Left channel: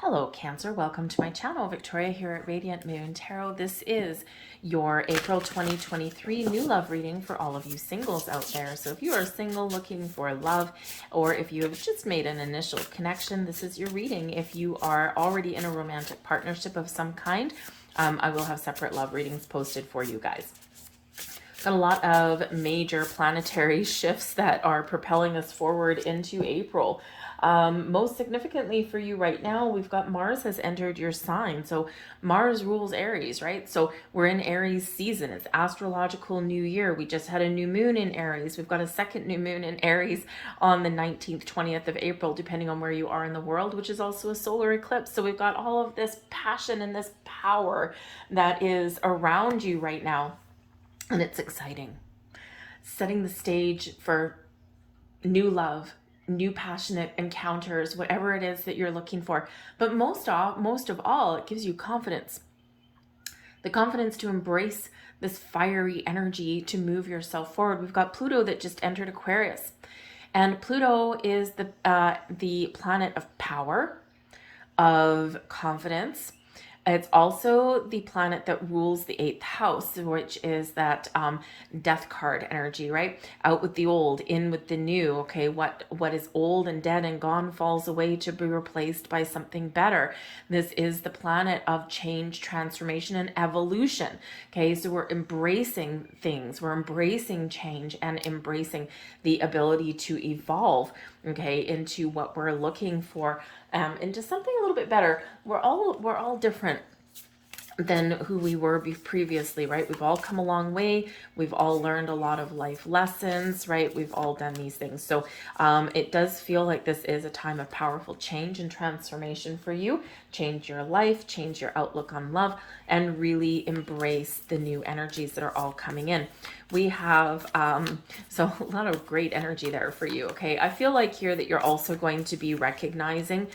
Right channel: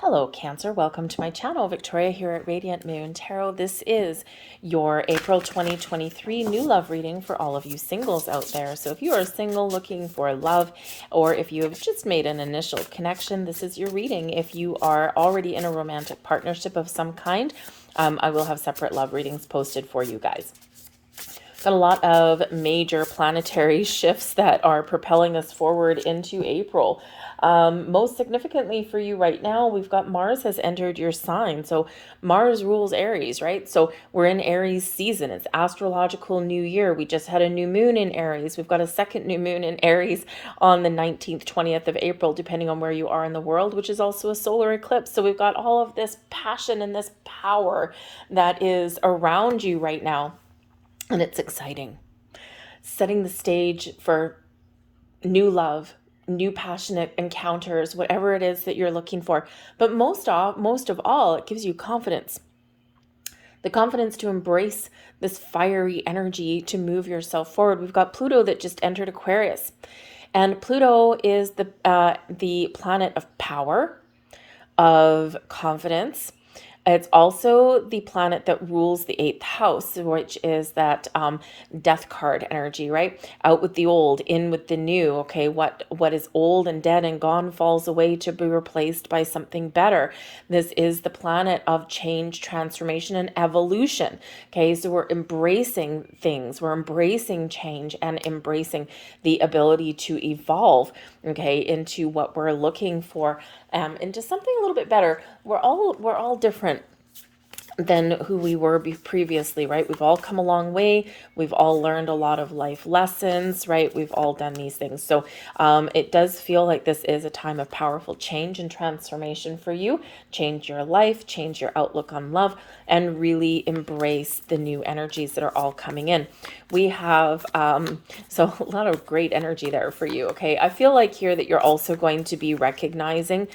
Hello, Cancer. Welcome to my channel. Victoria here at Radiant Moon Tarot. This is your April 2023 new love reading for all of you singles out there. So if you are single looking for love, or if you have just made an initial connection, this is your reading. If you are already in a romantic partnership of some kind, I will have separate love readings posted for you guys. Got a lot of major planetary shifts that are propelling us forward into April. Most significantly for you right now, we've got Mars has entered your sign. So Mars rules Aries, right? So we're in Aries season. It's astrological new year. We just had a new moon in Aries. We've got a second new moon in Aries on the 19th, 20th of April, depending on where you are in the world, which is also a solar eclipse. So we've got all of this passion and this power that is around you right now. And it's exciting. Setting the stage for new love, new passionate encounters, whatever it is that you're looking for. But most of all, it gives you confidence. The confidence to embrace this fiery energy to move yourself forward. We've got Pluto that just entered Aquarius. And Pluto is the planet of power, of confidence. It's also the planet that rules the eighth house, which is that death card energy, right? Out with the old, in with the new. Okay, what is old and dead and gone falls away to be replaced by something better. This is the planet of change, transformation, and evolution. Okay, so we're embracing things, we're embracing change and embracing the ability to evolve, okay, into what we're looking for, into something a little bit better. We're all different than who we were previously, right? We've all come a long way. We've all learned a lot of life lessons, right? We've all done these things. So it does feel like this is a time of powerful change and transformation for you. Change your life, change your outlook on love, and really embrace the new energies that are all coming in. We have, so a lot of great energy there for you, okay? I feel like here that you're also going to be recognizing,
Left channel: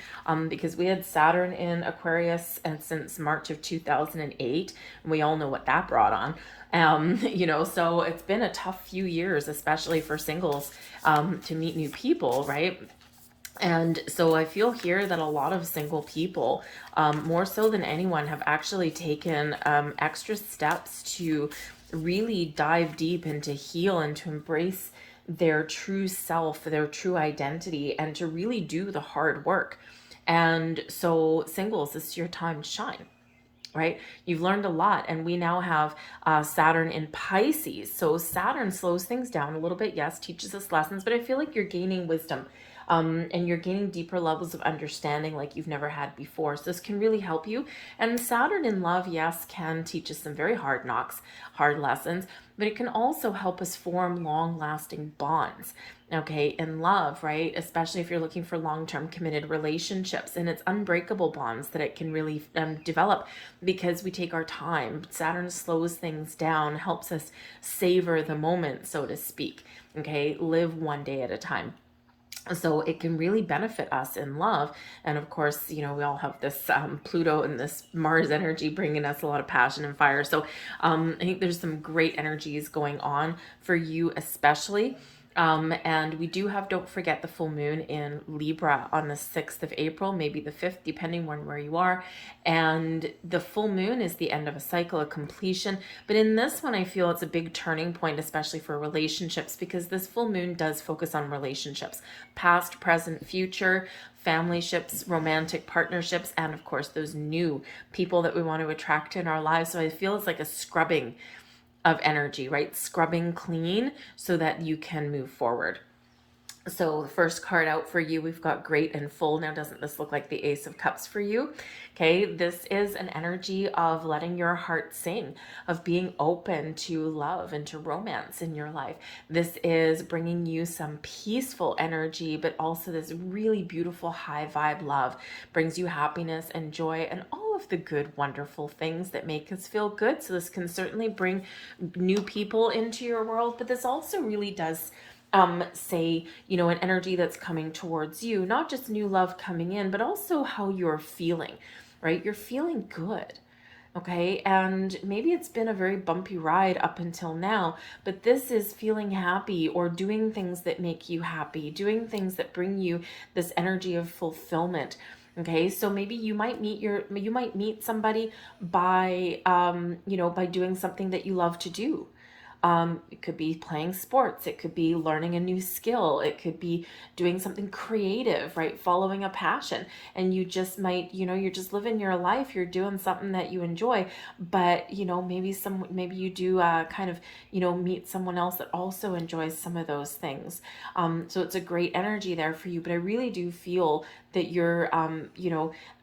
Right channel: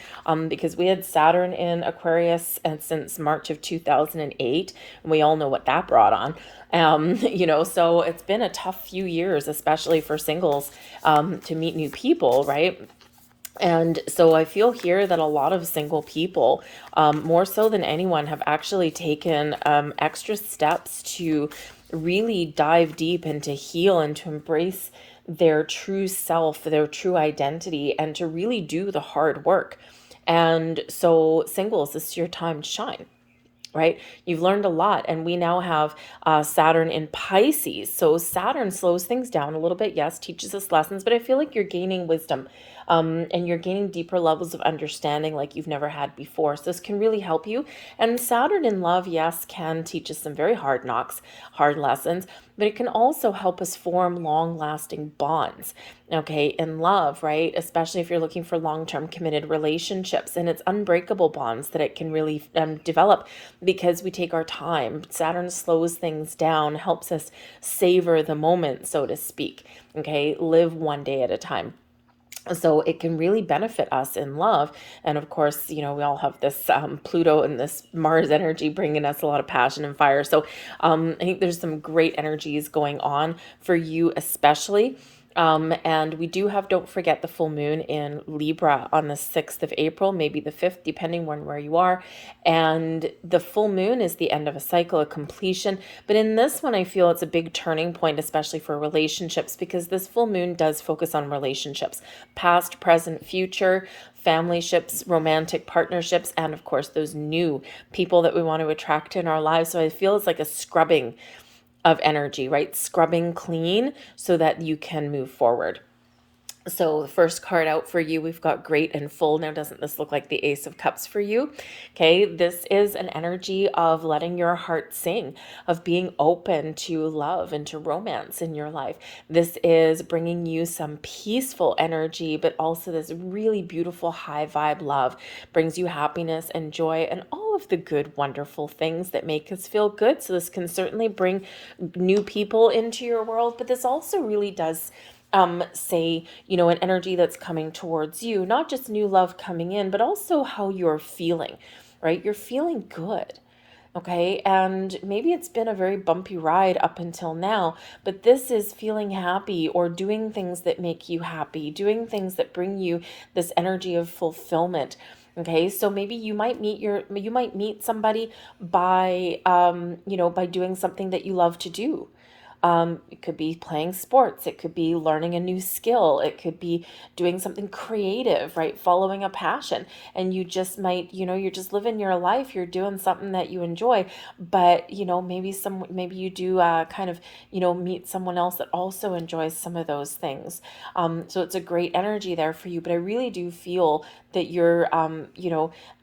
because we had Saturn in Aquarius and since March of 2008, and we all know what that brought on. So it's been a tough few years, especially for singles, to meet new people, right? And so I feel here that a lot of single people, more so than anyone, have actually taken extra steps to really dive deep and to heal and to embrace their true self, their true identity, and to really do the hard work. And so, singles, this is your time to shine, right? You've learned a lot, and we now have Saturn in Pisces. So Saturn slows things down a little bit, yes, teaches us lessons, but I feel like you're gaining wisdom, and you're gaining deeper levels of understanding like you've never had before. So this can really help you. And Saturn in love, yes, can teach us some very hard knocks, hard lessons, but it can also help us form long-lasting bonds, okay, in love, right? Especially if you're looking for long-term committed relationships, and it's unbreakable bonds that it can really develop because we take our time. Saturn slows things down, helps us savor the moment, so to speak, okay? Live one day at a time. So it can really benefit us in love. And of course, we all have this Pluto and this Mars energy bringing us a lot of passion and fire. So I think there's some great energies going on for you, especially. And we do have, don't forget, the full moon in Libra on the 6th of April, maybe the 5th, depending on where you are. And the full moon is the end of a cycle, a completion. But in this one, I feel it's a big turning point, especially for relationships, because this full moon does focus on relationships, past, present, future, family ships, romantic partnerships, and of course, those new people that we want to attract in our lives. So I feel it's like a scrubbing of energy, right? Scrubbing clean so that you can move forward. So the first card out for you, we've got great and full. Now, doesn't this look like the Ace of Cups for you? Okay, this is an energy of letting your heart sing, of being open to love and to romance in your life. This is bringing you some peaceful energy, but also this really beautiful high vibe love. Brings you happiness and joy and all of the good, wonderful things that make us feel good. So this can certainly bring new people into your world, but this also really does say, an energy that's coming towards you, not just new love coming in, but also how you're feeling, right? You're feeling good. Okay. And maybe it's been a very bumpy ride up until now, but this is feeling happy or doing things that make you happy, doing things that bring you this energy of fulfillment. Okay, so maybe you might meet somebody by by doing something that you love to do. It could be playing sports, it could be learning a new skill, it could be doing something creative, right? Following a passion. And you just might, you're just living your life, you're doing something that you enjoy, but maybe you do kind of, meet someone else that also enjoys some of those things. So it's a great energy there for you, but I really do feel that you're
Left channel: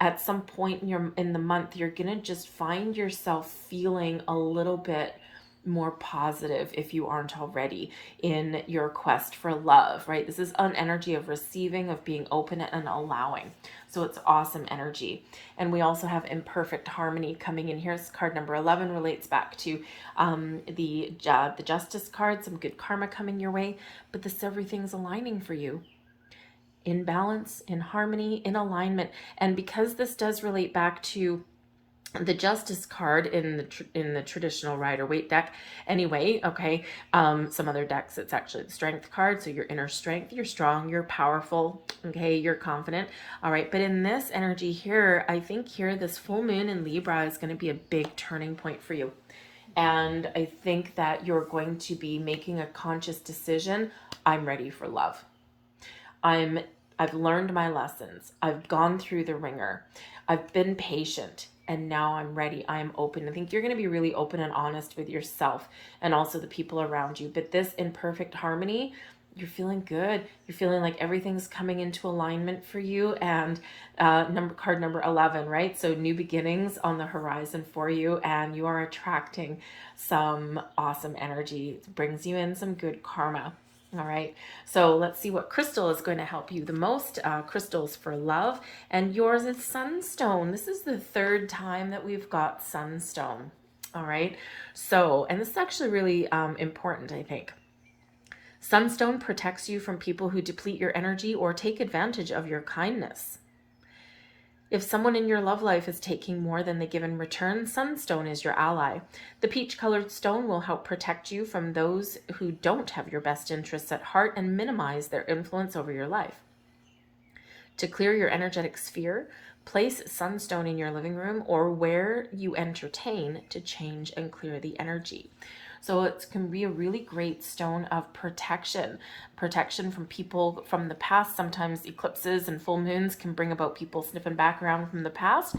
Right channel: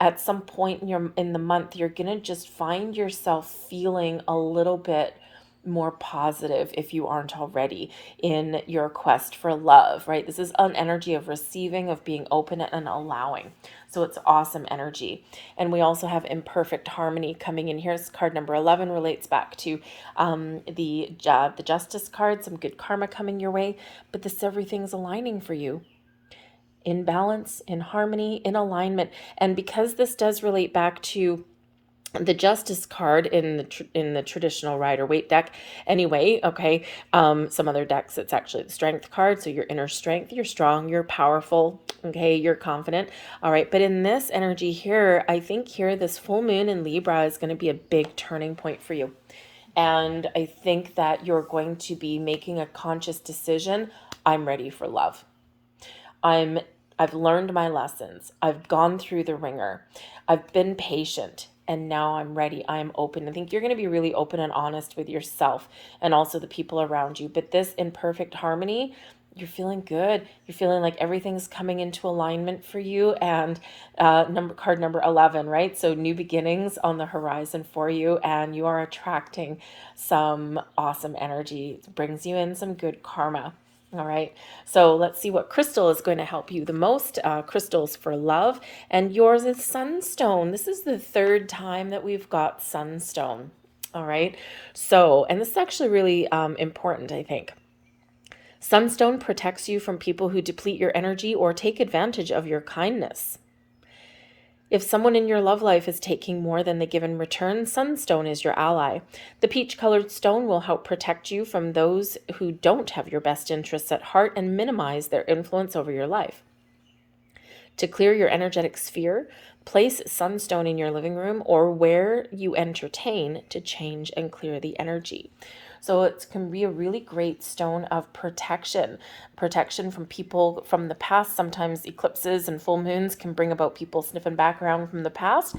at some point in the month you're gonna just find yourself feeling a little bit more positive, if you aren't already, in your quest for love, right? This is an energy of receiving, of being open and allowing. So it's awesome energy. And we also have imperfect harmony coming in here. Card number 11 relates back to the Justice card, some good karma coming your way, but this everything's aligning for you in balance, in harmony, in alignment. And because this does relate back to the Justice card in the traditional Rider-Waite deck anyway, okay, some other decks it's actually the Strength card, so your inner strength, you're strong, you're powerful, okay, you're confident. All right, but in this energy here, I think here this full moon in Libra is going to be a big turning point for you. And I think that you're going to be making a conscious decision. I'm ready for love. I've learned my lessons. I've gone through the ringer. I've been patient, and now I'm ready. I am open. I think you're going to be really open and honest with yourself and also the people around you. But this in perfect harmony, you're feeling good. You're feeling like everything's coming into alignment for you. And card number 11, right? So new beginnings on the horizon for you, and you are attracting some awesome energy. It brings you in some good karma. All right, so let's see what crystal is going to help you the most. Crystals for love, and yours is sunstone. This is the third time that we've got sunstone. All right, so, and this is actually really important, I think. Sunstone protects you from people who deplete your energy or take advantage of your kindness. If someone in your love life is taking more than they give in return, sunstone is your ally. The peach-colored stone will help protect you from those who don't have your best interests at heart and minimize their influence over your life. To clear your energetic sphere, place sunstone in your living room or where you entertain to change and clear the energy. So it can be a really great stone of protection from people from the past. Sometimes eclipses and full moons can bring about people sniffing back around from the past.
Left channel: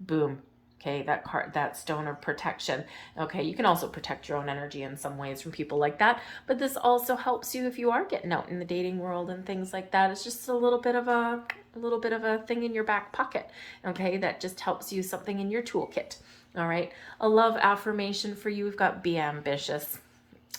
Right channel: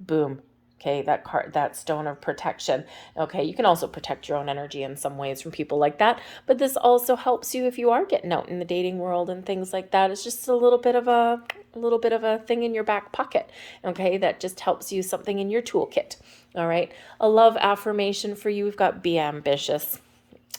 Boom. Okay, that stone of protection. Okay, you can also protect your own energy in some ways from people like that, but this also helps you if you are getting out in the dating world and things like that. It's just a little bit of a thing in your back pocket. Okay, that just helps you, something in your toolkit. All right, a love affirmation for you. We've got be ambitious.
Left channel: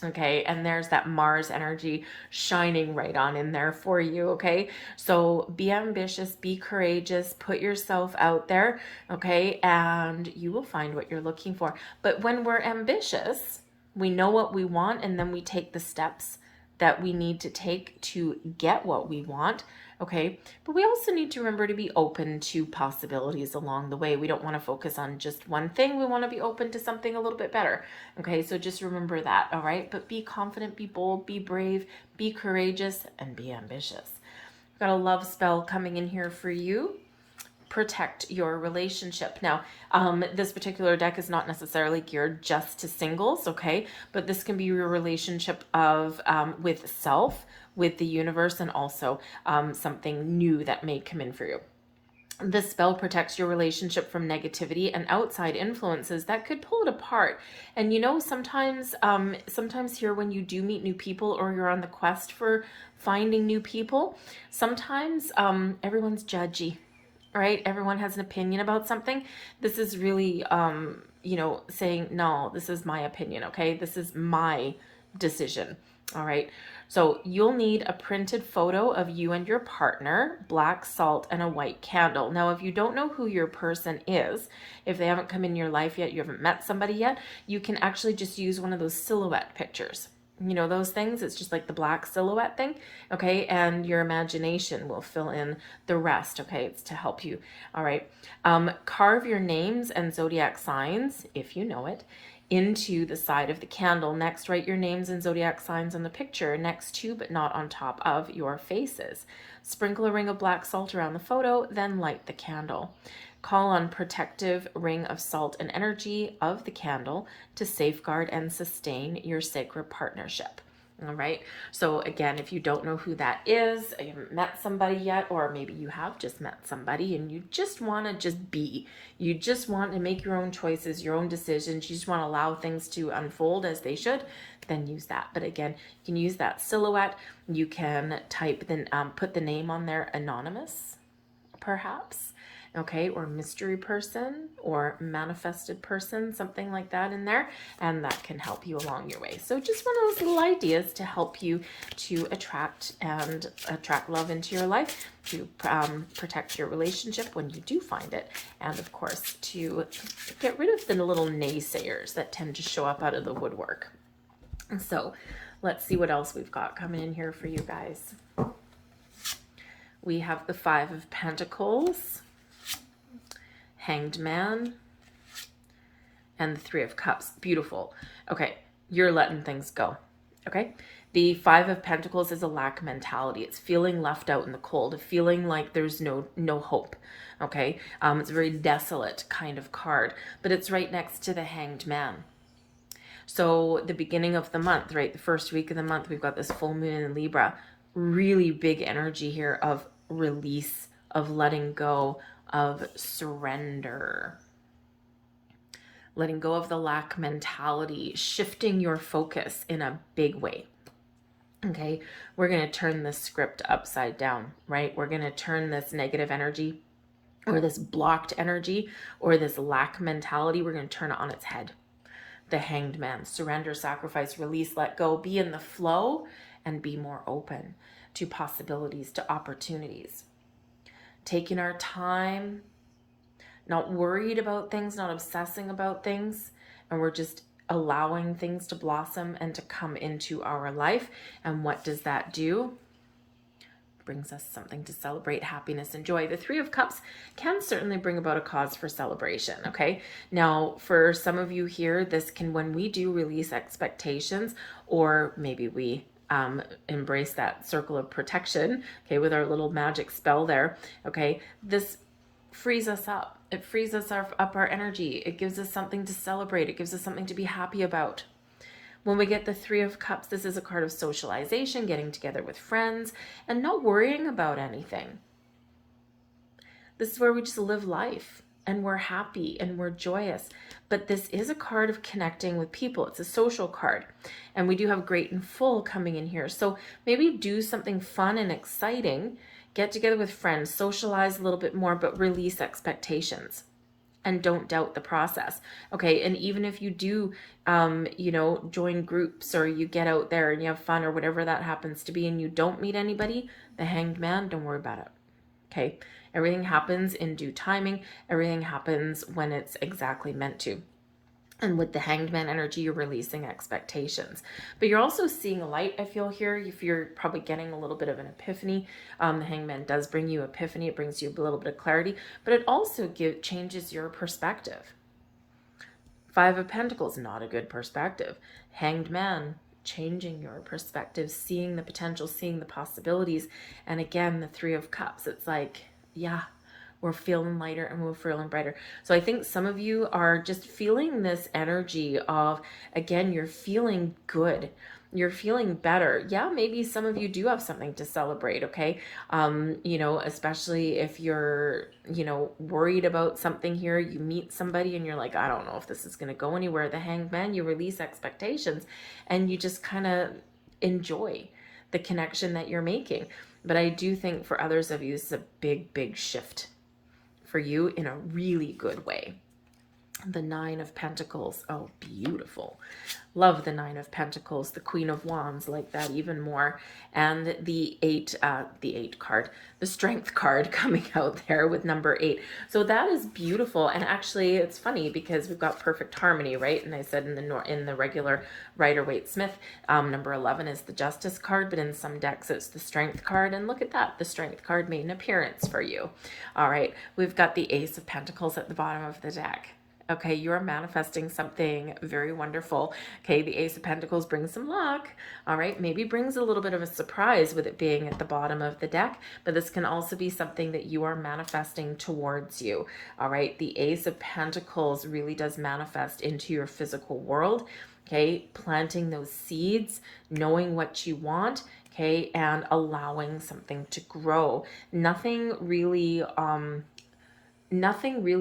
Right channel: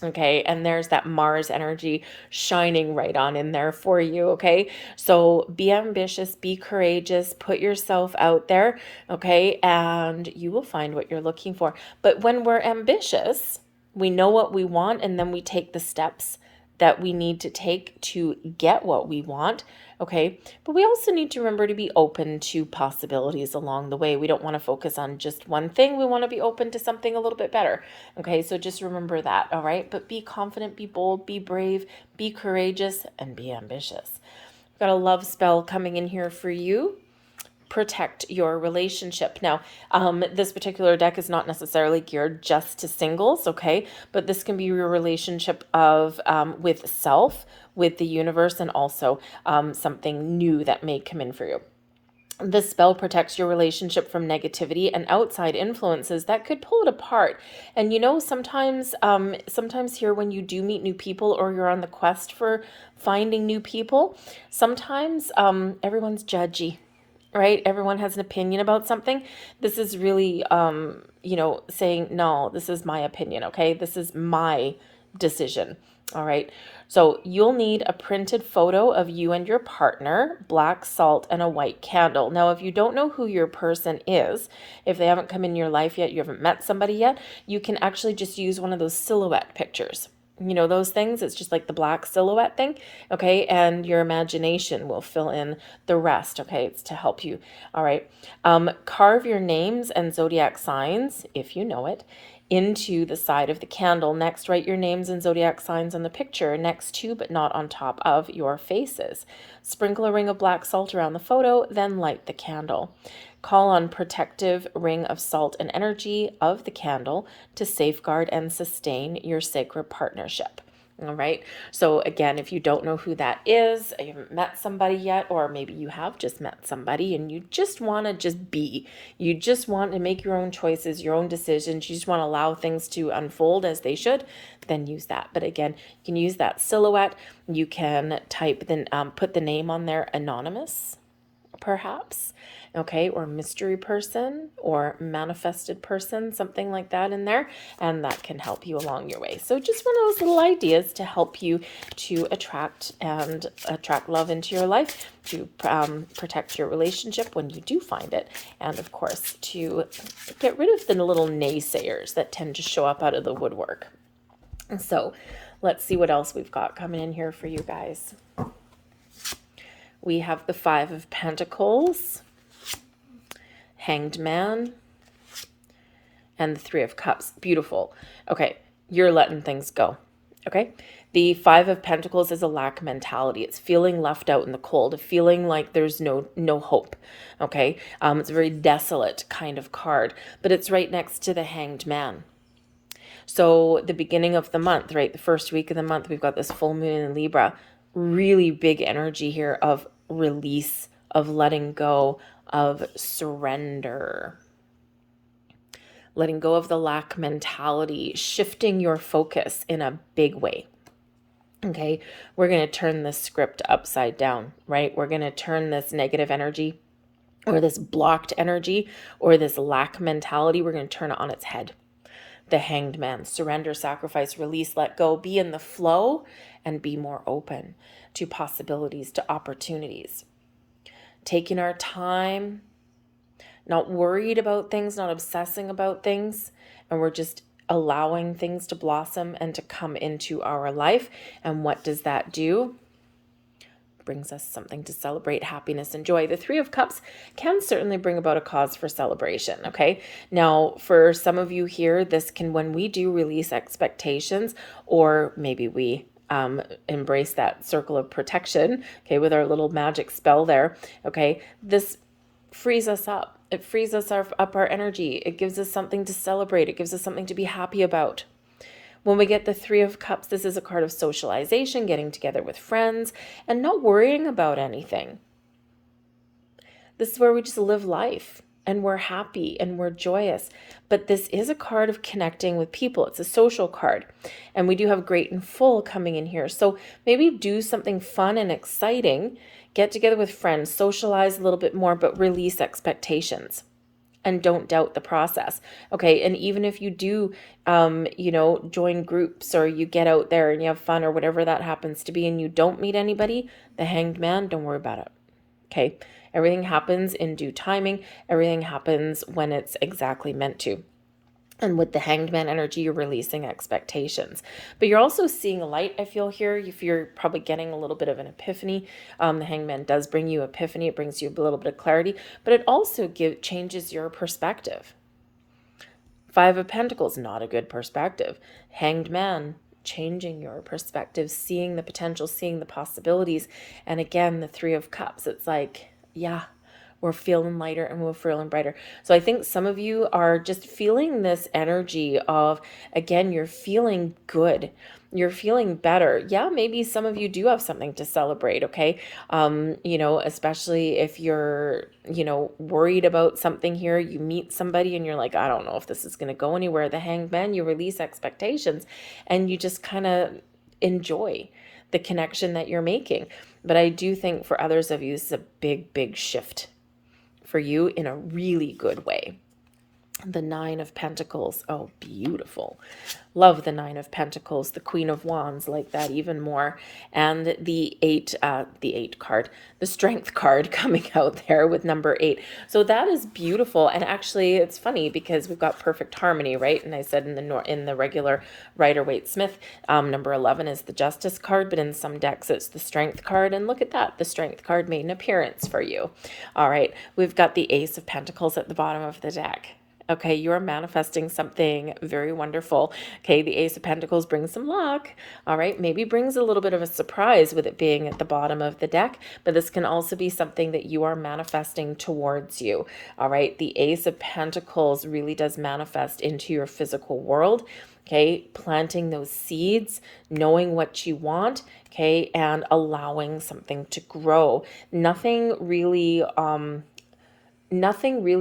Okay, and there's that Mars energy shining right on in there for you. Okay, so be ambitious, be courageous, put yourself out there. Okay, and you will find what you're looking for. But when we're ambitious, we know what we want, and then we take the steps that we need to take to get what we want. Okay, but we also need to remember to be open to possibilities along the way. We don't want to focus on just one thing. We want to be open to something a little bit better. Okay, so just remember that. All right, but be confident, be bold, be brave, be courageous, and be ambitious. Got a love spell coming in here for you. Protect your relationship. Now, this particular deck is not necessarily geared just to singles, okay? But this can be your relationship of with self, with the universe, and also something new that may come in for you. This spell protects your relationship from negativity and outside influences that could pull it apart. And sometimes here when you do meet new people or you're on the quest for finding new people, sometimes everyone's judgy. Right? Everyone has an opinion about something. This is really, saying, no, this is my opinion. Okay. This is my decision. All right. So you'll need a printed photo of you and your partner, black salt, and a white candle. Now, if you don't know who your person is, if they haven't come in your life yet, you haven't met somebody yet, you can actually just use one of those silhouette pictures. Those things, it's just like the black silhouette thing, okay? And your imagination will fill in the rest, okay? It's to help you, all right? Carve your names and zodiac signs, if you know it, into the side of the candle. Next, write your names and zodiac signs on the picture, next to but not on top of your faces. Sprinkle a ring of black salt around the photo, then light the candle. Call on protective ring of salt and energy of the candle to safeguard and sustain your sacred partnership. All right. So again, if you don't know who that is, you haven't met somebody yet, or maybe you have just met somebody and you just want to just be, you just want to make your own choices, your own decisions, you just want to allow things to unfold as they should, then use that. But again, you can use that silhouette. You can type, then put the name on there, anonymous, perhaps. Okay, or mystery person or manifested person, something like that in there, and that can help you along your way. So just one of those little ideas to help you to attract love into your life, to protect your relationship when you do find it, and of course to get rid of the little naysayers that tend to show up out of the woodwork. And so let's see what else we've got coming in here for you guys. We have the Five of Pentacles, Hanged Man, and the Three of Cups. Beautiful. Okay, you're letting things go. Okay, the Five of Pentacles is a lack mentality. It's feeling left out in the cold, feeling like there's no hope. Okay, it's a very desolate kind of card, but it's right next to the Hanged Man. So the beginning of the month, right, the first week of the month, we've got this full moon in Libra. Really big energy here of release, of letting go, of surrender, letting go of the lack mentality, shifting your focus in a big way. Okay, we're going to turn the script upside down, right? We're going to turn this negative energy or this blocked energy or this lack mentality, we're going to turn it on its head. The Hanged Man, surrender, sacrifice, release, let go, be in the flow, and be more open to possibilities, to opportunities. Taking our time, not worried about things, not obsessing about things, and we're just allowing things to blossom and to come into our life. And what does that do? Brings us something to celebrate, happiness and joy. The Three of Cups can certainly bring about a cause for celebration. Okay. Now, for some of you here, this can, when we do release expectations, or maybe we embrace that circle of protection, okay, with our little magic spell there, okay, this frees us up. It frees us up our energy. It gives us something to celebrate. It gives us something to be happy about. When we get the Three of Cups, this is a card of socialization, getting together with friends, and not worrying about anything. This is where we just live life, and we're happy, and we're joyous. But this is a card of connecting with people. It's a social card, and we do have Great and Full coming in here. So maybe do something fun and exciting, get together with friends, socialize a little bit more, but release expectations. And don't doubt the process. Okay. And even if you do, join groups or you get out there and you have fun or whatever that happens to be and you don't meet anybody, the Hanged Man, don't worry about it. Okay. Everything happens in due timing. Everything happens when it's exactly meant to. And with the Hanged Man energy, you're releasing expectations. But you're also seeing a light, I feel here. If you're probably getting a little bit of an epiphany, the Hanged Man does bring you epiphany. It brings you a little bit of clarity, but it also changes your perspective. Five of Pentacles, not a good perspective. Hanged Man, changing your perspective, seeing the potential, seeing the possibilities. And again, the Three of Cups, it's like, yeah, we're feeling lighter and we're feeling brighter. So I think some of you are just feeling this energy of, again, you're feeling good. You're feeling better. Yeah, maybe some of you do have something to celebrate, okay? Especially if you're, worried about something here, you meet somebody and you're like, I don't know if this is going to go anywhere. The Hanged Man, you release expectations and you just kind of enjoy the connection that you're making. But I do think for others of you, this is a big, big shift for you in a really good way. The Nine of Pentacles. Oh, beautiful. Love the Nine of Pentacles. The Queen of Wands, like that even more. And the eight card, the Strength card coming out there with number 8. So that is beautiful. And actually it's funny because we've got perfect harmony, right? And I said in the regular Rider-Waite-Smith, number 11 is the Justice card, but in some decks it's the Strength card. And look at that. The Strength card made an appearance for you. All right. We've got the Ace of Pentacles at the bottom of the deck. Okay, you are manifesting something very wonderful. Okay, the Ace of Pentacles brings some luck. All right, maybe brings a little bit of a surprise with it being at the bottom of the deck, but this can also be something that you are manifesting towards you. All right, the Ace of Pentacles really does manifest into your physical world. Okay, planting those seeds, knowing what you want, okay, and allowing something to grow. Nothing really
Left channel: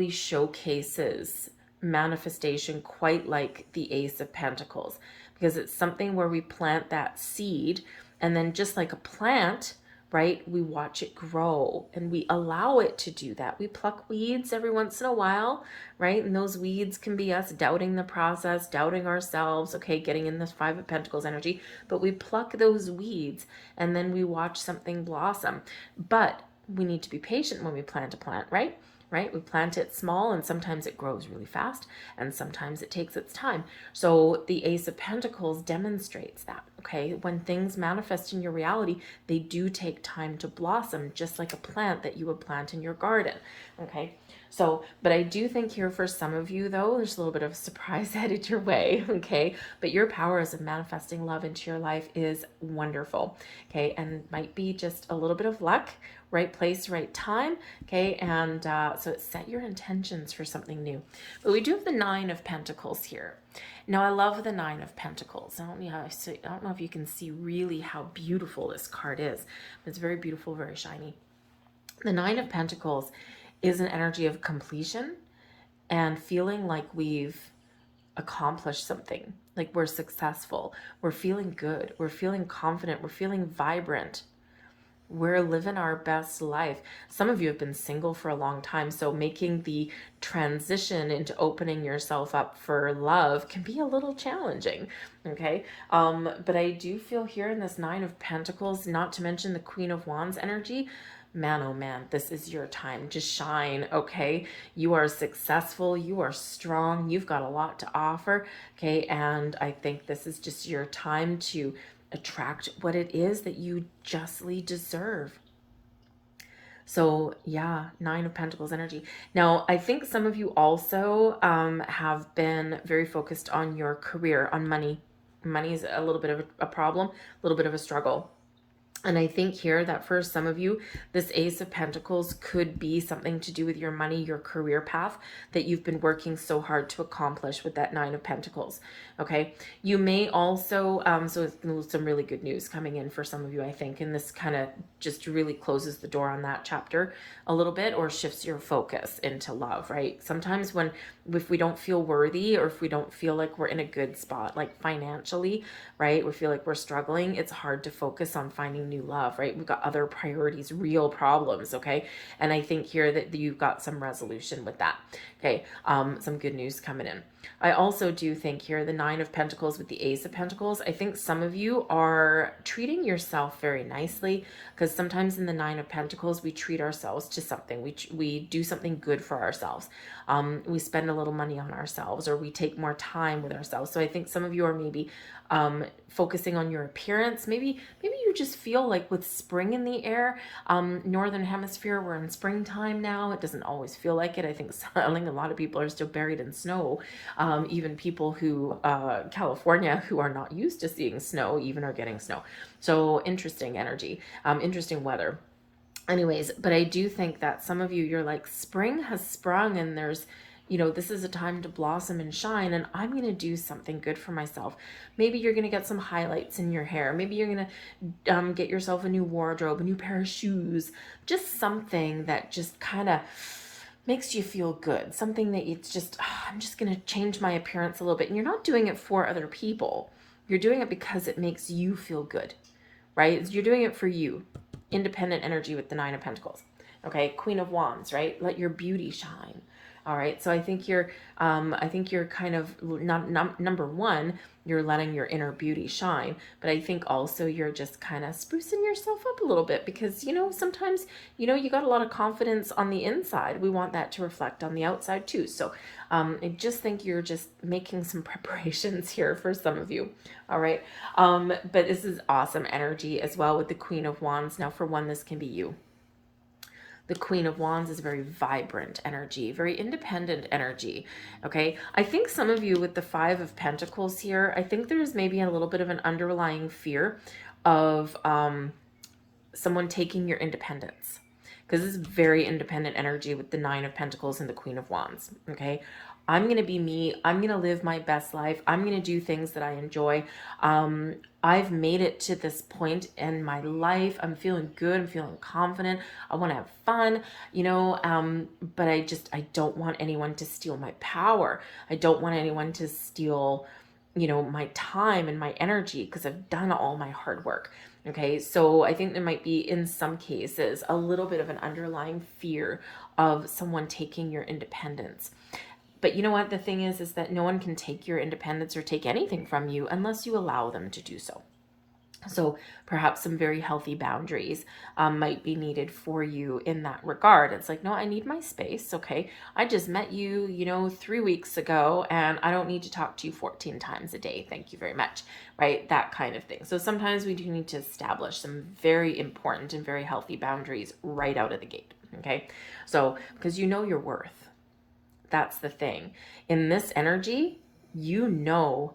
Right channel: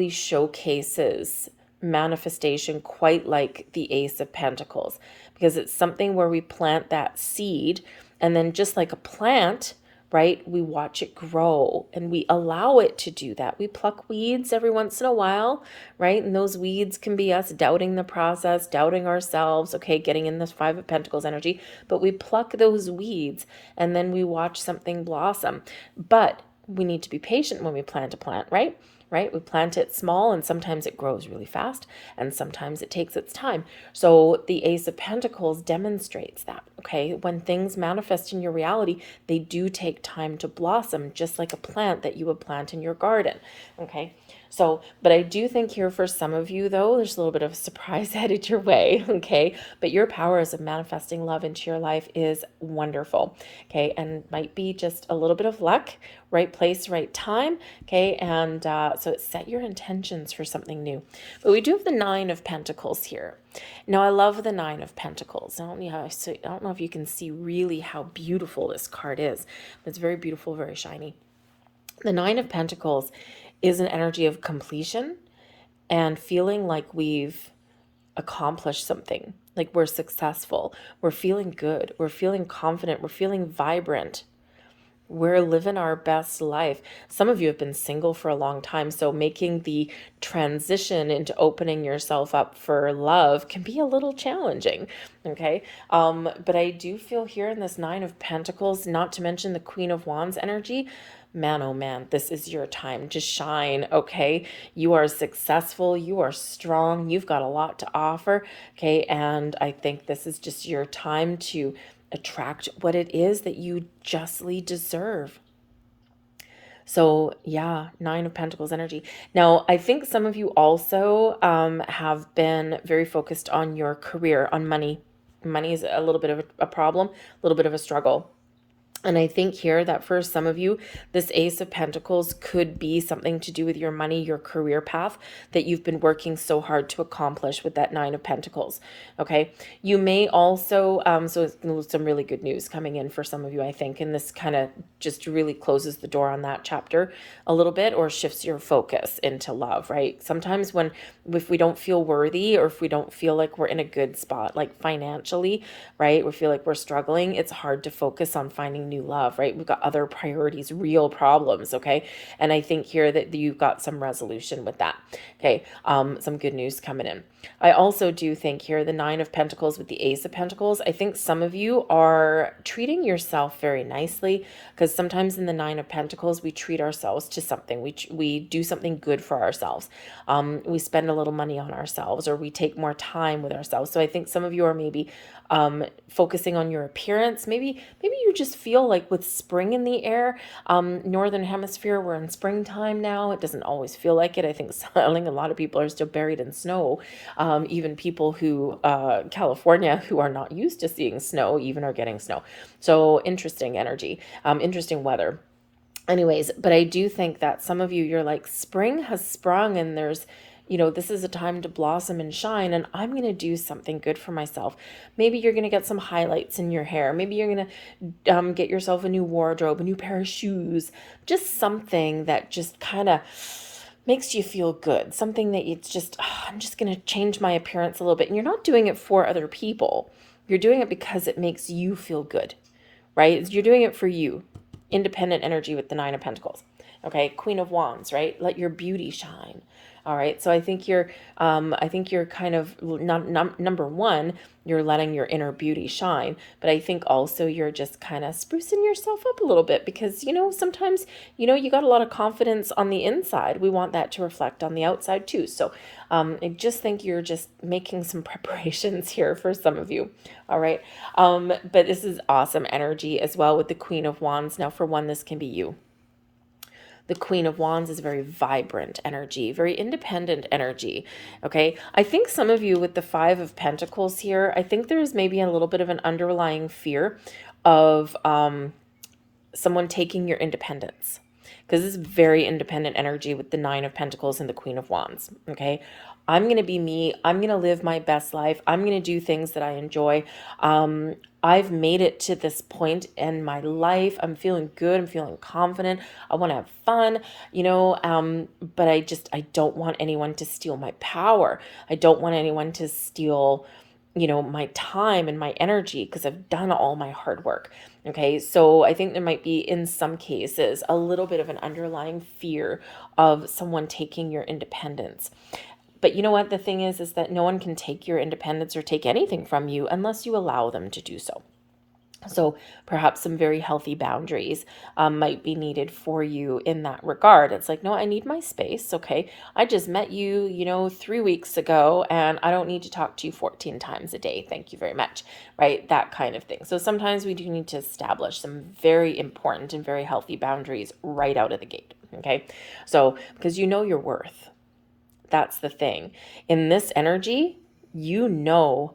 showcases manifestation quite like the Ace of Pentacles, because it's something where we plant that seed, and then just like a plant, right, we watch it grow and we allow it to do that. We pluck weeds every once in a while, right? And those weeds can be us doubting the process, doubting ourselves, okay, getting in this Five of Pentacles energy, but we pluck those weeds and then we watch something blossom. But we need to be patient when we plant a plant, right? Right? We plant it small and sometimes it grows really fast and sometimes it takes its time. So the Ace of Pentacles demonstrates that, okay? When things manifest in your reality, they do take time to blossom, just like a plant that you would plant in your garden, okay? So, but I do think here for some of you though, there's a little bit of a surprise headed your way, okay? But your powers of manifesting love into your life is wonderful, okay? And might be just a little bit of luck, right place, right time, okay? And so set your intentions for something new. But we do have the Nine of Pentacles here. Now, I love the Nine of Pentacles. I don't know if you can see really how beautiful this card is. It's very beautiful, very shiny. The Nine of Pentacles is an energy of completion and feeling like we've accomplished something, like we're successful, we're feeling good, we're feeling confident, we're feeling vibrant. We're living our best life. Some of you have been single for a long time, so making the transition into opening yourself up for love can be a little challenging, okay? But I do feel here in this Nine of Pentacles, not to mention the Queen of Wands energy, man, oh man, this is your time to shine, okay? You are successful, you are strong, you've got a lot to offer, okay? And I think this is just your time to attract what it is that you justly deserve. So yeah, Nine of Pentacles energy. Now, I think some of you also have been very focused on your career, on money. Money is a little bit of a problem, a little bit of a struggle. And I think here that for some of you, this Ace of Pentacles could be something to do with your money, your career path that you've been working so hard to accomplish with that Nine of Pentacles. Okay. You may also, so some really good news coming in for some of you, I think, and this kind of just really closes the door on that chapter a little bit or shifts your focus into love, right? Sometimes if we don't feel worthy or if we don't feel like we're in a good spot, like financially, right? We feel like we're struggling. It's hard to focus on finding new love, right? We've got other priorities, real problems, okay? And I think here that you've got some resolution with that, okay? Some good news coming in. I also do think here the Nine of Pentacles with the Ace of Pentacles, I think some of you are treating yourself very nicely, because sometimes in the Nine of Pentacles, we treat ourselves to something. We do something good for ourselves. We spend a little money on ourselves, or we take more time with ourselves. So I think some of you are maybe focusing on your appearance. Maybe you just feel like with spring in the air, northern hemisphere, we're in springtime now. It doesn't always feel like it. I think a lot of people are still buried in snow. Even people who California who are not used to seeing snow even are getting snow. So interesting energy, interesting weather. Anyways, but I do think that some of you, you're like, spring has sprung and there's, this is a time to blossom and shine, and I'm going to do something good for myself. Maybe you're going to get some highlights in your hair. Maybe you're going to get yourself a new wardrobe, a new pair of shoes, just something that just kind of makes you feel good. Something that it's just, I'm just going to change my appearance a little bit. And you're not doing it for other people. You're doing it because it makes you feel good, right? You're doing it for you. Independent energy with the Nine of Pentacles. Okay, Queen of Wands, right? Let your beauty shine. All right, so I think you're kind of number one, you're letting your inner beauty shine, but I think also you're just kind of sprucing yourself up a little bit because sometimes you got a lot of confidence on the inside. We want that to reflect on the outside too. So I just think you're just making some preparations here for some of you. All right, but this is awesome energy as well with the Queen of Wands. Now, for one, this can be you. The Queen of Wands is very vibrant energy, very independent energy. Okay. I think some of you with the Five of Pentacles here, I think there's maybe a little bit of an underlying fear of someone taking your independence, because this is very independent energy with the Nine of Pentacles and the Queen of Wands. Okay. I'm going to be me. I'm going to live my best life. I'm going to do things that I enjoy. I've made it to this point in my life. I'm feeling good. I'm feeling confident. I want to have fun, but I don't want anyone to steal my power. I don't want anyone to steal, my time and my energy, because I've done all my hard work. Okay, so I think there might be, in some cases, a little bit of an underlying fear of someone taking your independence. But you know what? The thing is that no one can take your independence or take anything from you unless you allow them to do so. So perhaps some very healthy boundaries might be needed for you in that regard. It's like, no, I need my space. Okay. I just met you, 3 weeks ago, and I don't need to talk to you 14 times a day. Thank you very much. Right. That kind of thing. So sometimes we do need to establish some very important and very healthy boundaries right out of the gate. Okay. So because you know your worth. That's the thing. In this energy, you know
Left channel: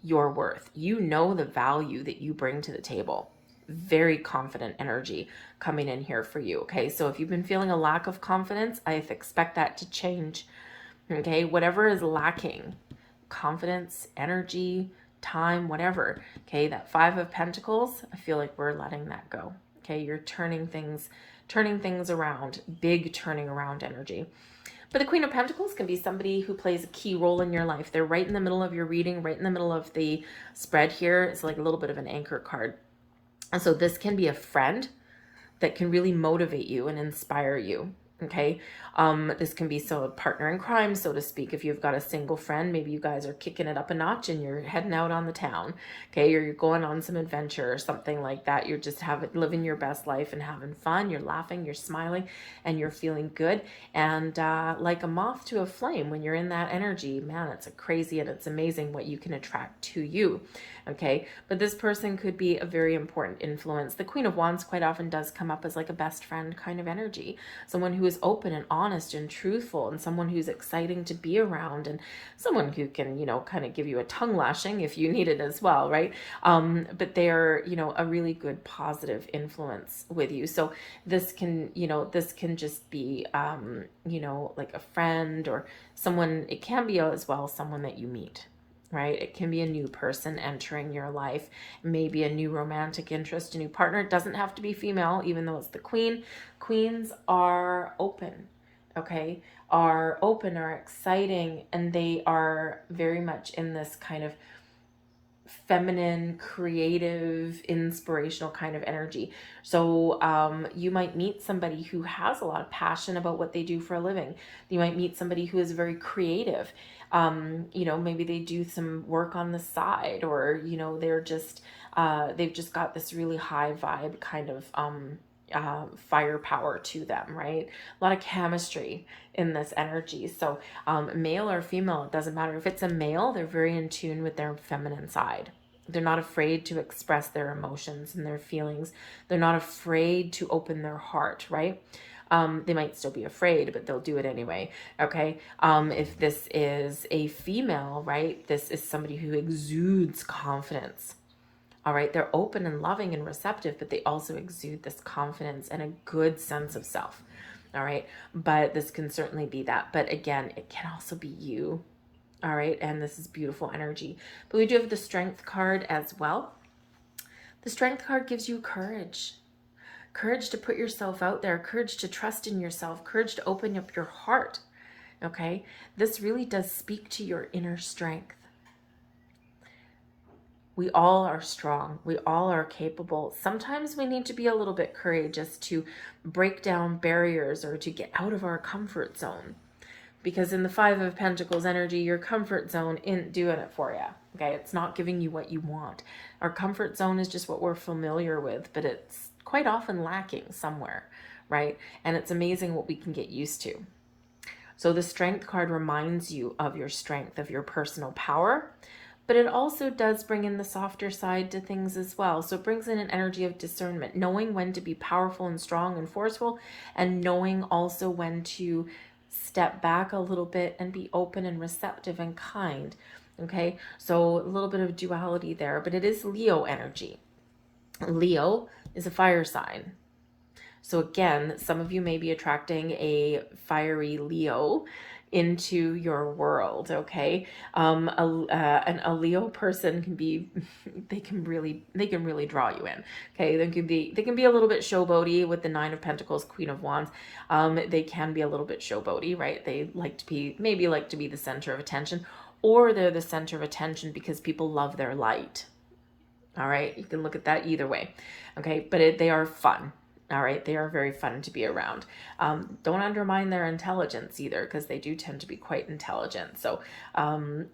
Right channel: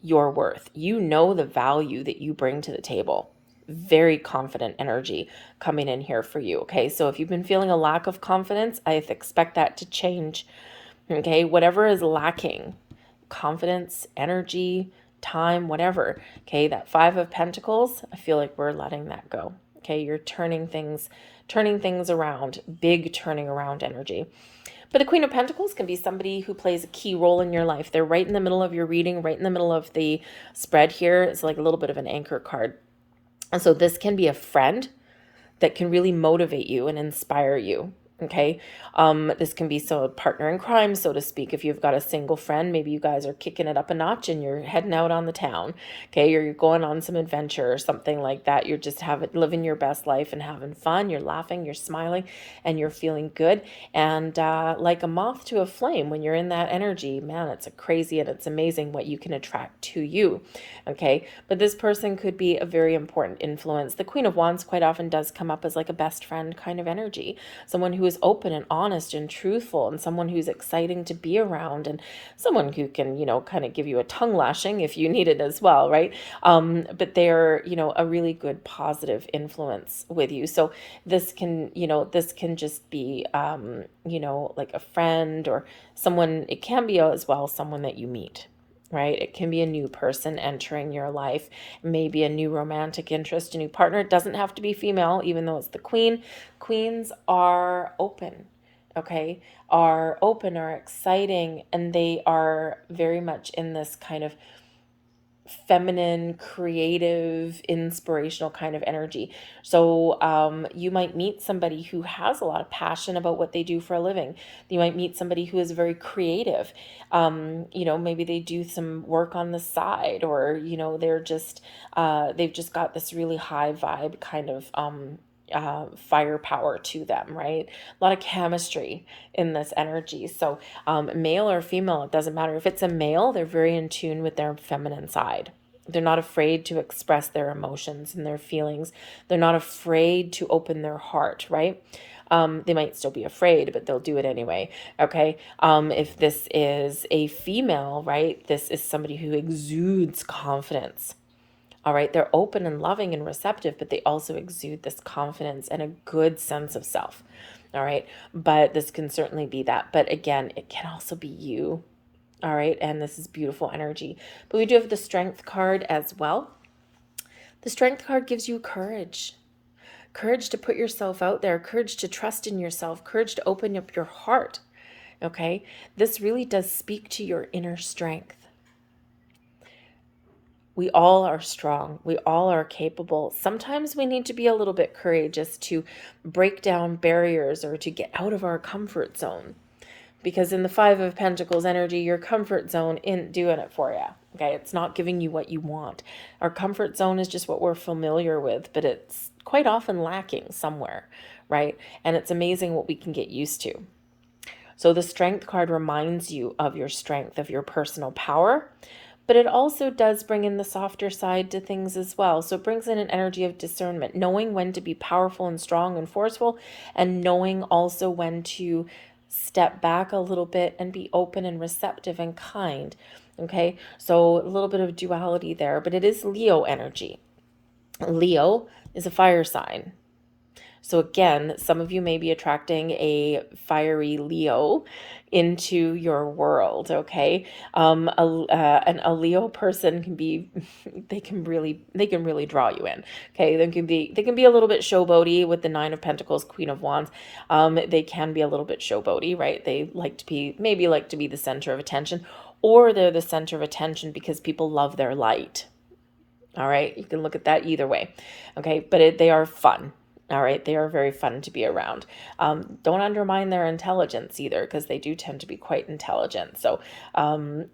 your worth. You know the value that you bring to the table. Very confident energy coming in here for you. Okay. So if you've been feeling a lack of confidence, I expect that to change. Okay. Whatever is lacking, confidence, energy, time, whatever. Okay. That Five of Pentacles, I feel like we're letting that go. Okay. You're turning things around, big turning around energy. But the Queen of Pentacles can be somebody who plays a key role in your life. They're right in the middle of your reading, right in the middle of the spread here. It's like a little bit of an anchor card. And so this can be a friend that can really motivate you and inspire you. Okay. This can be a partner in crime, so to speak. If you've got a single friend, maybe you guys are kicking it up a notch and you're heading out on the town. Okay. Or you're going on some adventure or something like that. You're just living your best life and having fun. You're laughing, you're smiling, and you're feeling good. And like a moth to a flame, when you're in that energy, man, it's crazy and it's amazing what you can attract to you. Okay. But this person could be a very important influence. The Queen of Wands quite often does come up as like a best friend kind of energy. Someone who is open and honest and truthful, and someone who's exciting to be around, and someone who can, kind of give you a tongue lashing if you need it as well, right? But they're, a really good positive influence with you. So this can just be, like a friend or someone. It can be as well someone that you meet. Right? It can be a new person entering your life, maybe a new romantic interest, a new partner. It doesn't have to be female, even though it's the queen. Queens are open, okay? Are open, are exciting, and they are very much in this kind of feminine, creative, inspirational kind of energy. So you might meet somebody who has a lot of passion about what they do for a living. You might meet somebody who is very creative. Maybe they do some work on the side, or they've just got this really high vibe kind of firepower to them, right? A lot of chemistry in this energy. So male or female, it doesn't matter. If it's a male, they're very in tune with their feminine side. They're not afraid to express their emotions and their feelings. They're not afraid to open their heart, right? They might still be afraid, but they'll do it anyway. Okay. If this is a female, right, this is somebody who exudes confidence. All right. They're open and loving and receptive, but they also exude this confidence and a good sense of self. All right. But this can certainly be that. But again, it can also be you. All right. And this is beautiful energy. But we do have the Strength card as well. The Strength card gives you courage. Courage to put yourself out there. Courage to trust in yourself. Courage to open up your heart. Okay. This really does speak to your inner strength. We all are strong. We all are capable. Sometimes we need to be a little bit courageous to break down barriers or to get out of our comfort zone. Because in the Five of Pentacles energy, your comfort zone isn't doing it for you. Okay, it's not giving you what you want. Our comfort zone is just what we're familiar with, but it's quite often lacking somewhere, right? And it's amazing what we can get used to. So the Strength card reminds you of your strength, of your personal power, but it also does bring in the softer side to things as well. So it brings in an energy of discernment, knowing when to be powerful and strong and forceful, and knowing also when to step back a little bit and be open and receptive and kind. Okay, so a little bit of duality there, but it is Leo energy. Leo is a fire sign. So again, some of you may be attracting a fiery Leo into your world. Okay, a Leo person can be, they can really draw you in. Okay, they can be a little bit showboaty with the Nine of Pentacles, Queen of Wands. They can be a little bit showboaty, right? They like to be, maybe like to be the center of attention, or they're the center of attention because people love their light. All right, you can look at that either way. Okay, but they are fun. All right, they are very fun to be around. Don't undermine their intelligence either, because they do tend to be quite intelligent. So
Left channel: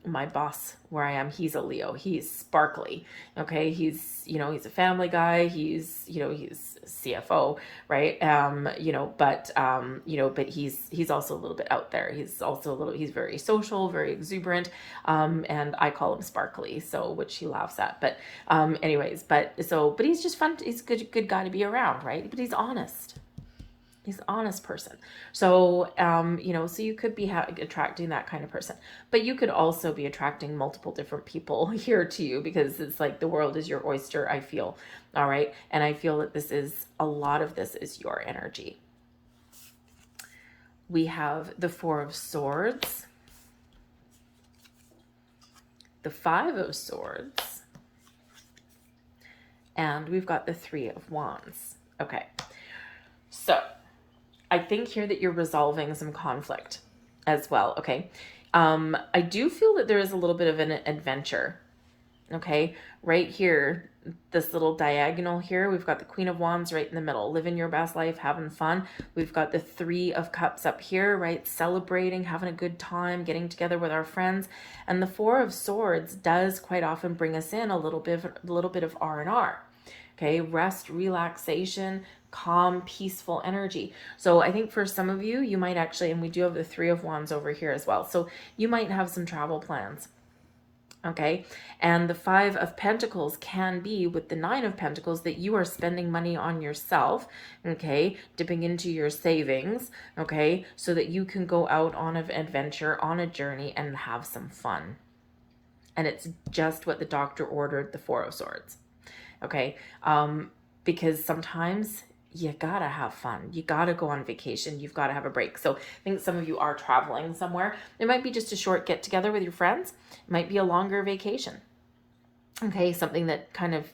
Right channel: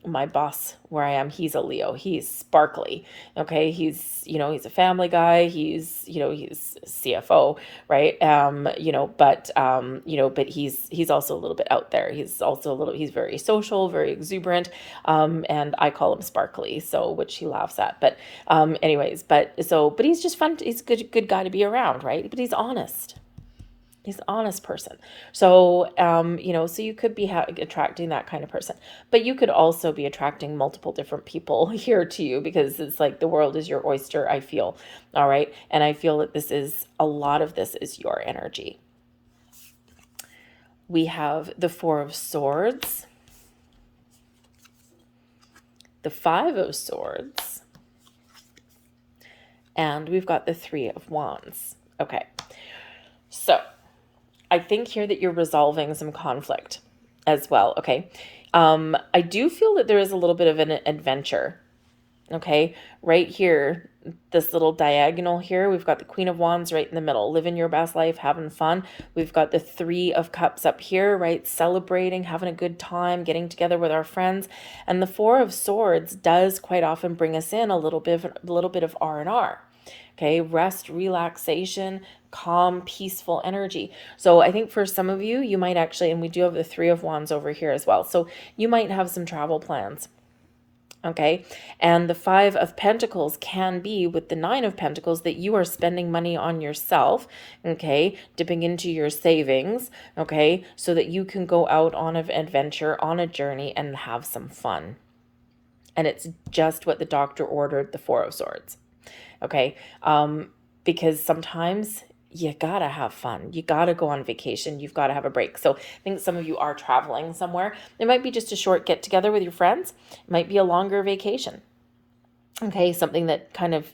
my boss where I am, he's a Leo. He's sparkly. Okay, he's a family guy. He's he's CFO, right? But he's also a little bit out there. He's very social, very exuberant, and I call him sparkly, so which he laughs at. But but he's just fun. He's a good guy to be around, right? But he's honest. He's an honest person. So, so you could be attracting that kind of person, but you could also be attracting multiple different people here to you, because it's like the world is your oyster, I feel. All right. And I feel that a lot of this is your energy. We have the Four of Swords, the Five of Swords, and we've got the Three of Wands. Okay. So I think here that you're resolving some conflict as well. Okay. I do feel that there is a little bit of an adventure. Okay. Right here, this little diagonal here, we've got the Queen of Wands right in the middle, living your best life, having fun. We've got the Three of Cups up here, right? Celebrating, having a good time, getting together with our friends. And the Four of Swords does quite often bring us in a little bit of R&R. Okay. Rest, relaxation, calm, peaceful energy. So I think for some of you, you might actually, and we do have the Three of Wands over here as well. So you might have some travel plans. Okay. And the Five of Pentacles can be with the Nine of Pentacles that you are spending money on yourself. Okay. Dipping into your savings. Okay. So that you can go out on an adventure, on a journey, and have some fun. And it's just what the doctor ordered, the Four of Swords. Okay. Because sometimes you gotta have fun. You gotta go on vacation. You've gotta have a break. So I think some of you are traveling somewhere. It might be just a short get together with your friends. It might be a longer vacation. Okay, something that kind of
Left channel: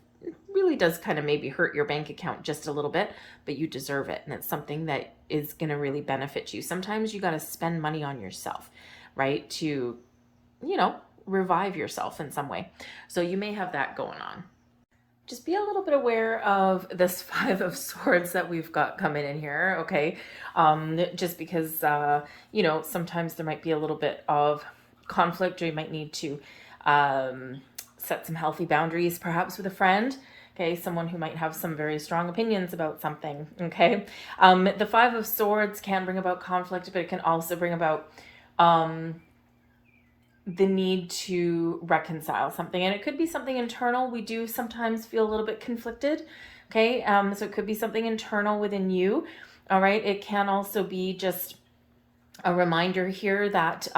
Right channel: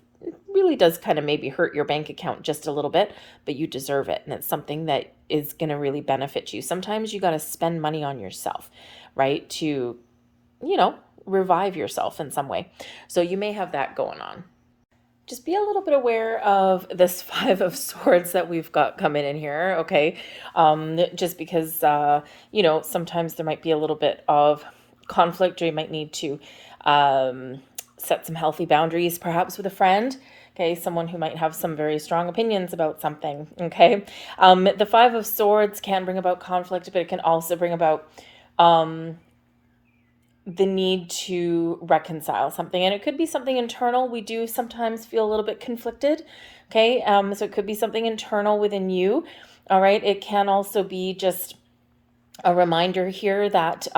really does kind of maybe hurt your bank account just a little bit, but you deserve it. And it's something that is gonna really benefit you. Sometimes you gotta spend money on yourself, right? To, revive yourself in some way. So you may have that going on. Just be a little bit aware of this Five of Swords that we've got coming in here, okay? Just because, sometimes there might be a little bit of conflict, or you might need to set some healthy boundaries, perhaps with a friend, okay? Someone who might have some very strong opinions about something, okay? The Five of Swords can bring about conflict, but it can also bring about the need to reconcile something, and it could be something internal. We do sometimes feel a little bit conflicted. Okay. So it could be something internal within you. All right. It can also be just a reminder here that,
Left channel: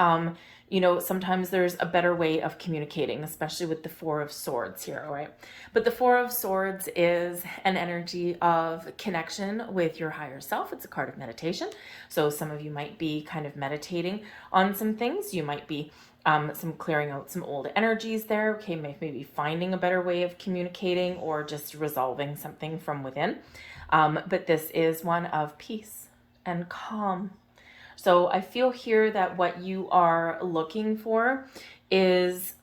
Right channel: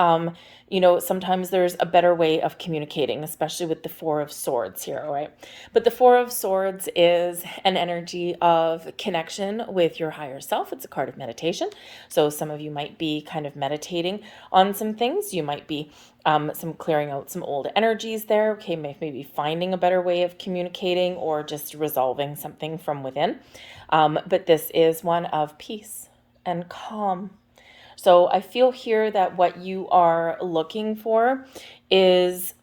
sometimes there's a better way of communicating, especially with the Four of Swords here, all right? But the Four of Swords is an energy of connection with your higher self. It's a card of meditation. So some of you might be kind of meditating on some things. You might be some clearing out some old energies there. Okay, maybe finding a better way of communicating, or just resolving something from within. But this is one of peace and calm. So I feel here that what you are looking for is,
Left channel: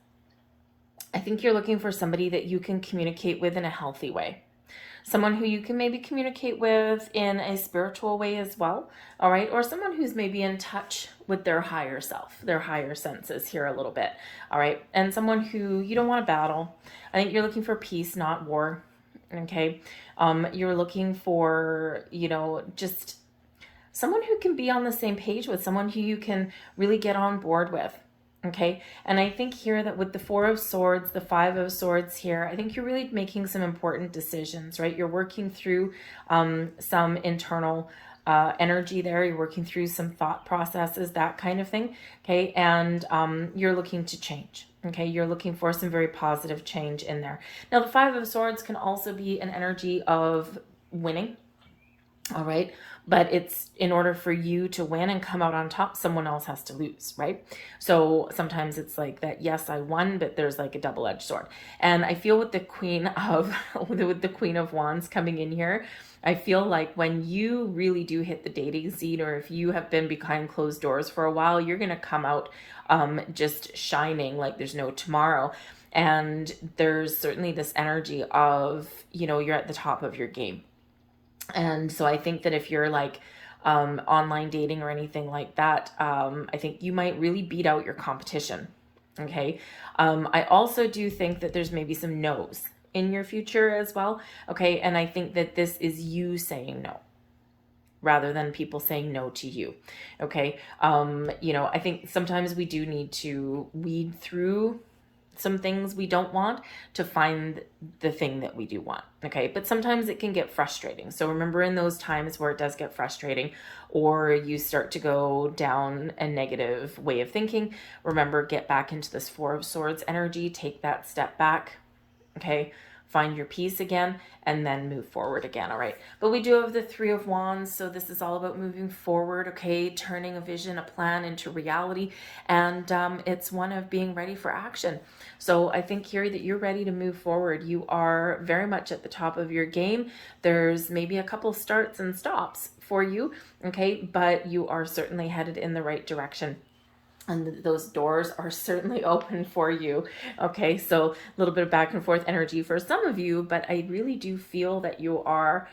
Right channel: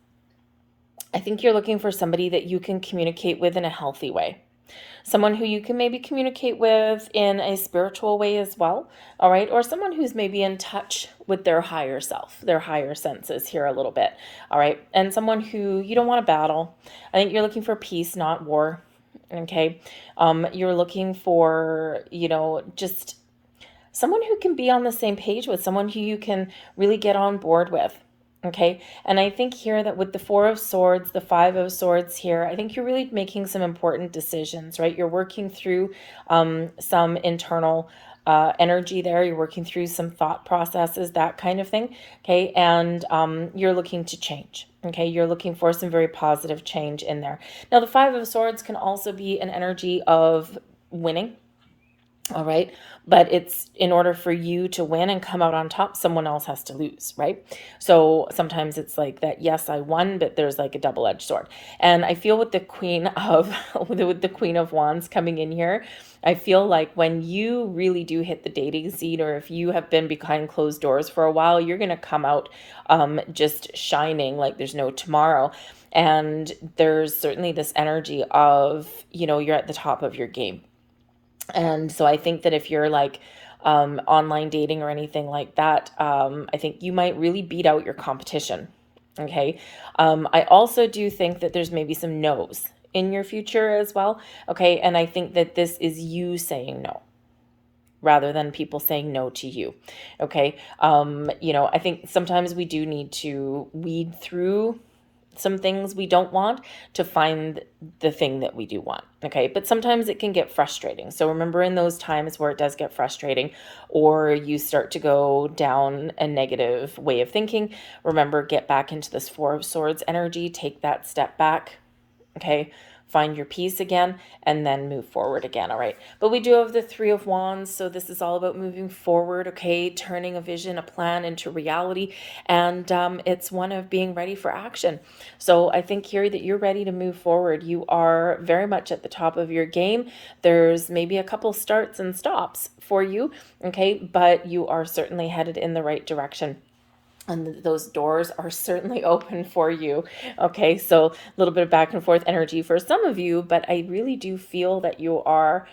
I think you're looking for somebody that you can communicate with in a healthy way. Someone who you can maybe communicate with in a spiritual way as well, all right? Or someone who's maybe in touch with their higher self, their higher senses here a little bit, all right? And someone who you don't want to battle. I think you're looking for peace, not war, okay? You're looking for, just someone who can be on the same page with, someone who you can really get on board with, Okay, and I think here that with the Four of Swords, the Five of Swords here, I think you're really making some important decisions, right? You're working through some internal energy there. You're working through some thought processes, that kind of thing. Okay, and you're looking to change. Okay, you're looking for some very positive change in there. Now, the Five of Swords can also be an energy of winning. All right. But it's in order for you to win and come out on top, someone else has to lose, right? So sometimes it's like that, yes, I won, but there's like a double-edged sword. And I feel with the Queen of with the Queen of Wands coming in here, I feel like when you really do hit the dating scene, or if you have been behind closed doors for a while, you're gonna come out just shining like there's no tomorrow. And there's certainly this energy of, you're at the top of your game. And so I think that if you're like online dating or anything like that, I think you might really beat out your competition. Okay. I also do think that there's maybe some no's in your future as well. Okay. And I think that this is you saying no rather than people saying no to you. Okay. I think sometimes we do need to weed through some things we don't want to find the thing that we do want. Okay. But sometimes it can get frustrating. So remember, in those times where it does get frustrating, or you start to go down a negative way of thinking, remember, get back into this Four of Swords energy, take that step back. Okay. Find your peace again, and then move forward again. All right. But we do have the Three of Wands. So this is all about moving forward. Okay. Turning a vision, a plan into reality. And it's one of being ready for action. So I think here that you're ready to move forward. You are very much at the top of your game. There's maybe a couple starts and stops for you. Okay. But you are certainly headed in the right direction. And those doors are certainly open for you. Okay, so a little bit of back and forth energy for some of you, but I really do feel that you are,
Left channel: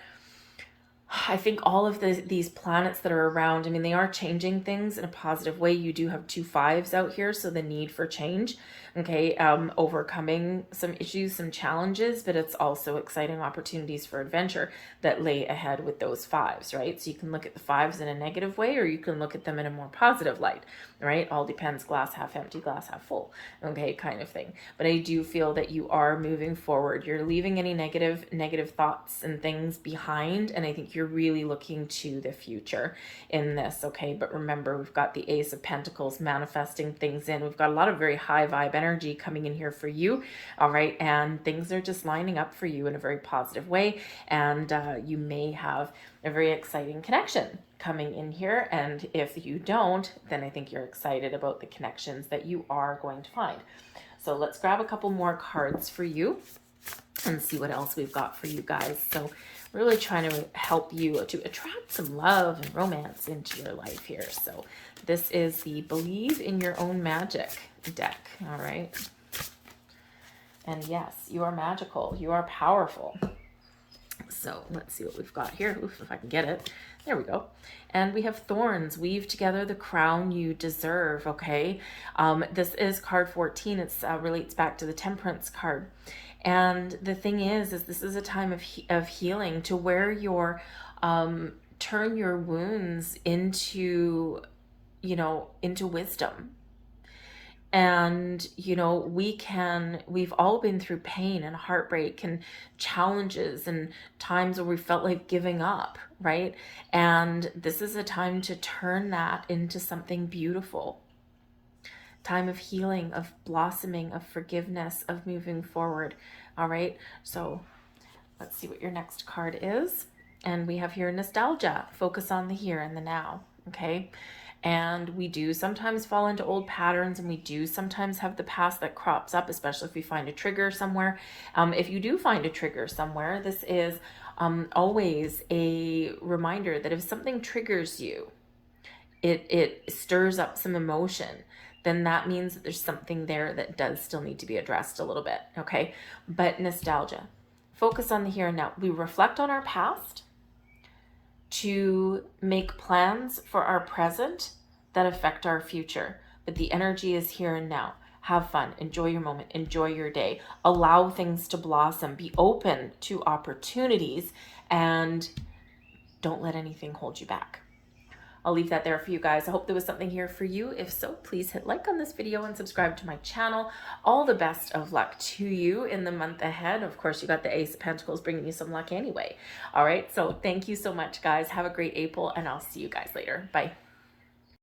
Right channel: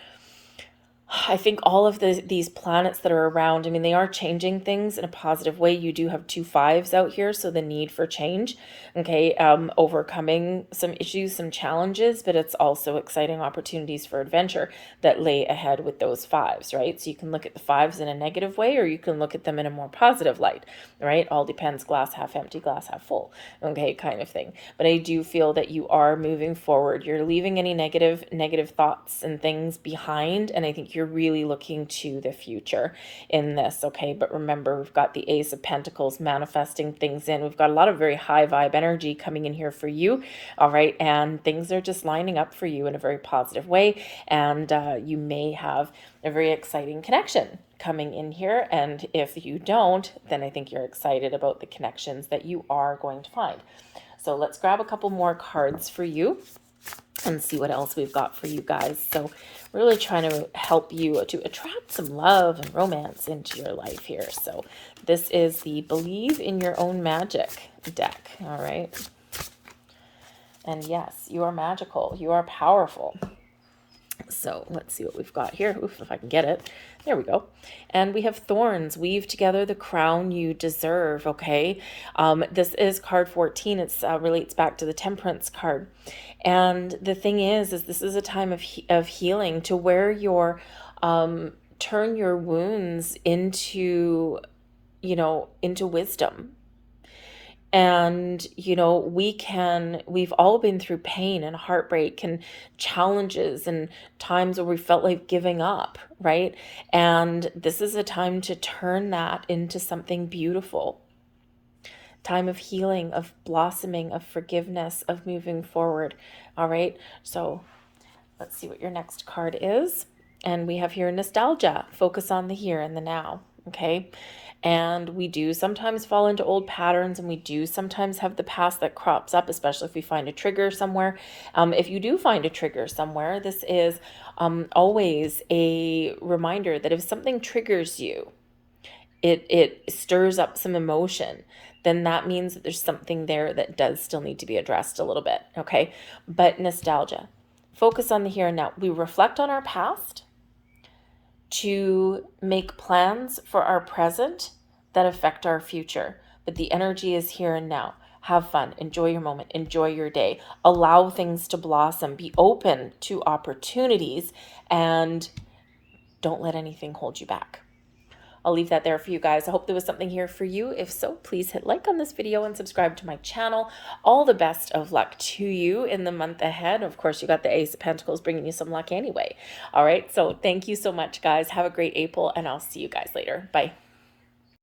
I think all of these planets that are around, I mean, they are changing things in a positive way. You do have two fives out here, so the need for change, okay, overcoming some issues, some challenges, but it's also exciting opportunities for adventure that lay ahead with those fives, right? So you can look at the fives in a negative way, or you can look at them in a more positive light, right? All depends, glass half empty, glass half full, okay, kind of thing. But I do feel that you are moving forward. You're leaving any negative thoughts and things behind, and I think you're really looking to the future in this, okay? But remember, we've got the Ace of Pentacles manifesting things in. We've got a lot of very high vibe energy coming in here for you, all right? And things are just lining up for you in a very positive way, and you may have a very exciting connection coming in here. And if you don't, then I think you're excited about the connections that you are going to find. So let's grab a couple more cards for you and see what else we've got for you guys. So really trying to help you to attract some love and romance into your life here. So this is the Believe in Your Own Magic deck, all right? And yes, you are magical. You are powerful. So let's see what we've got here. Oof, if I can get it. There we go. And we have Thorns. Weave together the crown you deserve, okay? This is card 14. It relates back to the Temperance card. And the thing is this is a time of healing, to where you're turn your wounds into, into wisdom. And, we've all been through pain and heartbreak and challenges and times where we felt like giving up, right? And this is a time to turn that into something beautiful. Time of healing, of blossoming, of forgiveness, of moving forward. All right. So let's see what your next card is. And we have here nostalgia. Focus on the here and the now. Okay. And we do sometimes fall into old patterns, and we do sometimes have the past that crops up, especially if we find a trigger somewhere. If you do find a trigger somewhere, this is always a reminder that if something triggers you, it stirs up some emotion, then that means that there's something there that does still need to be addressed a little bit, okay? But nostalgia, focus on the here and now. We reflect on our past to make plans for our present that affect our future. But the energy is here and now. Have fun, enjoy your moment, enjoy your day, allow things to blossom, be open to opportunities, and don't let anything hold you back. I'll leave that there for you guys. I hope there was something here for you. If so, please hit like on this video and subscribe to my channel. All the best of luck to you in the month ahead. Of course, you got the Ace of Pentacles bringing you some luck anyway. All right, so thank you so much, guys. Have a great April, and I'll see you guys later. Bye.